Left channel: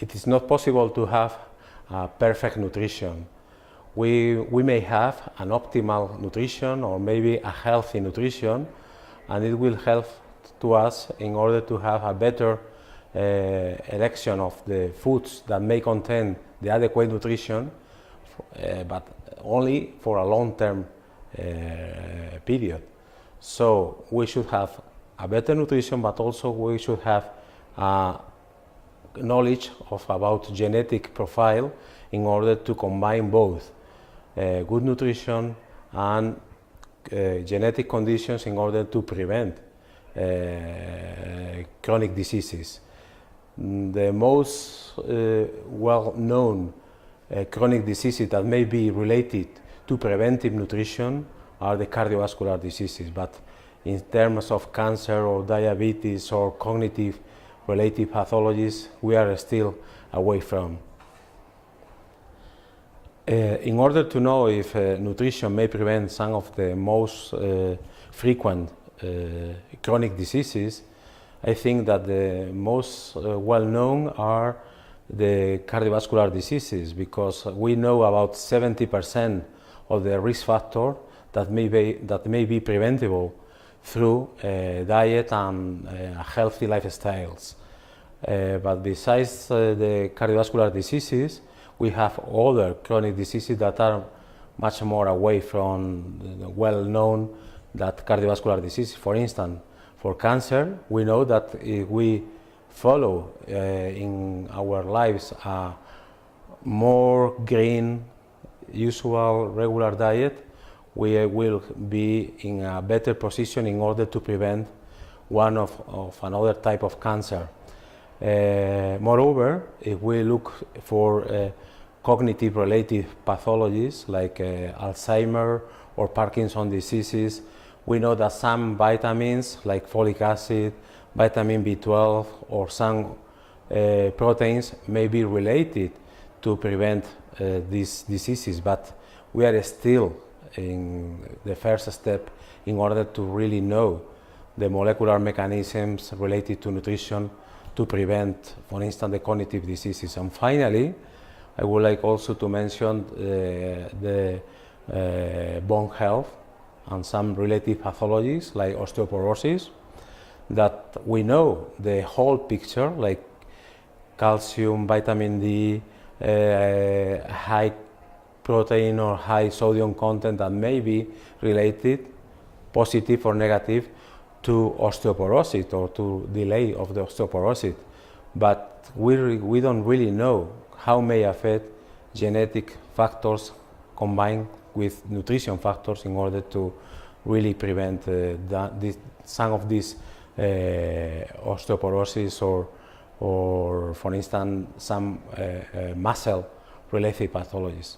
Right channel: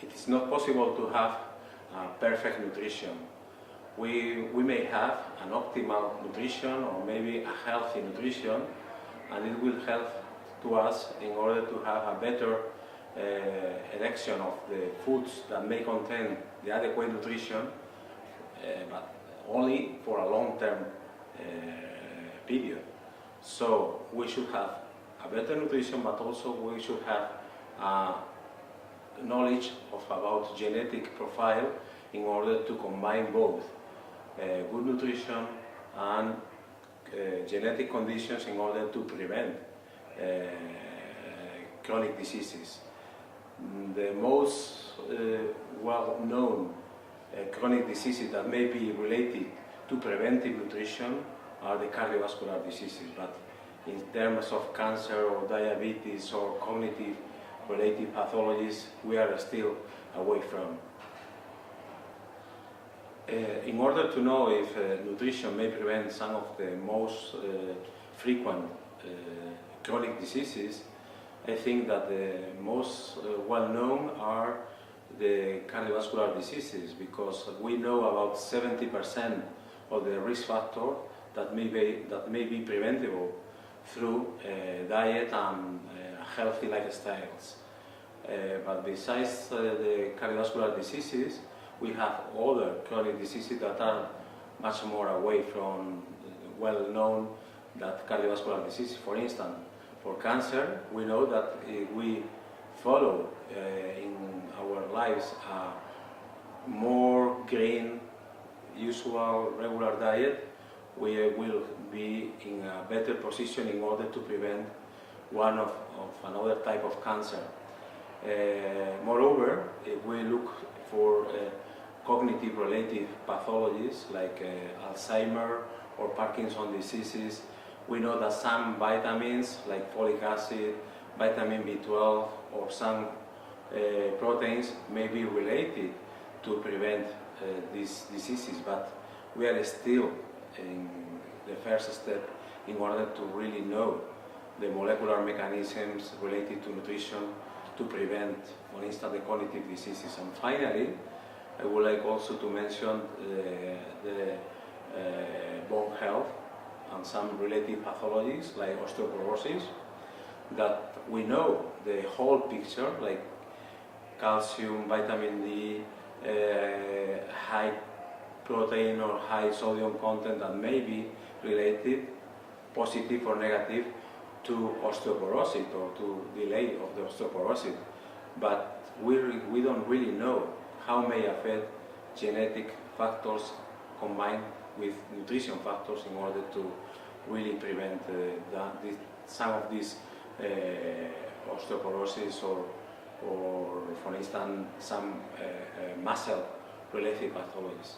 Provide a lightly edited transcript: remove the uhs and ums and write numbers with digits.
it is not possible to have perfect nutrition. We may have an optimal nutrition or maybe a healthy nutrition, and it will help to us in order to have a better election of the foods that may contain the adequate nutrition, but only for a long-term period. So we should have a better nutrition, but also we should have knowledge about genetic profile in order to combine both good nutrition and genetic conditions in order to prevent chronic diseases. The most well-known chronic diseases that may be related to preventive nutrition are the cardiovascular diseases, but in terms of cancer or diabetes or cognitive related pathologies, we are still away from. In order to know if nutrition may prevent some of the most frequent chronic diseases, I think that the most well-known are the cardiovascular diseases, because we know about 70% of the risk factor that may be preventable through diet and healthy lifestyles. But besides the cardiovascular diseases, we have other chronic diseases that are much more away from well-known that cardiovascular disease. For instance, for cancer, we know that if we follow in our lives a more green, usual, regular diet, we will be in a better position in order to prevent one of another type of cancer. Moreover, if we look for cognitive related pathologies like Alzheimer or Parkinson's diseases, we know that some vitamins like folic acid, vitamin B12 or some proteins may be related to prevent these diseases, but we are still in the first step in order to really know the molecular mechanisms related to nutrition to prevent, for instance, the cognitive diseases. And finally, I would like also to mention the bone health and some related pathologies like osteoporosis, that we know the whole picture, like calcium, vitamin D, high protein or high sodium content that may be related, positive or negative, to osteoporosis or to delay of the osteoporosis. But we don't really know how may affect genetic factors combined with nutrition factors in order to really prevent some of these osteoporosis or for instance some muscle related pathologies.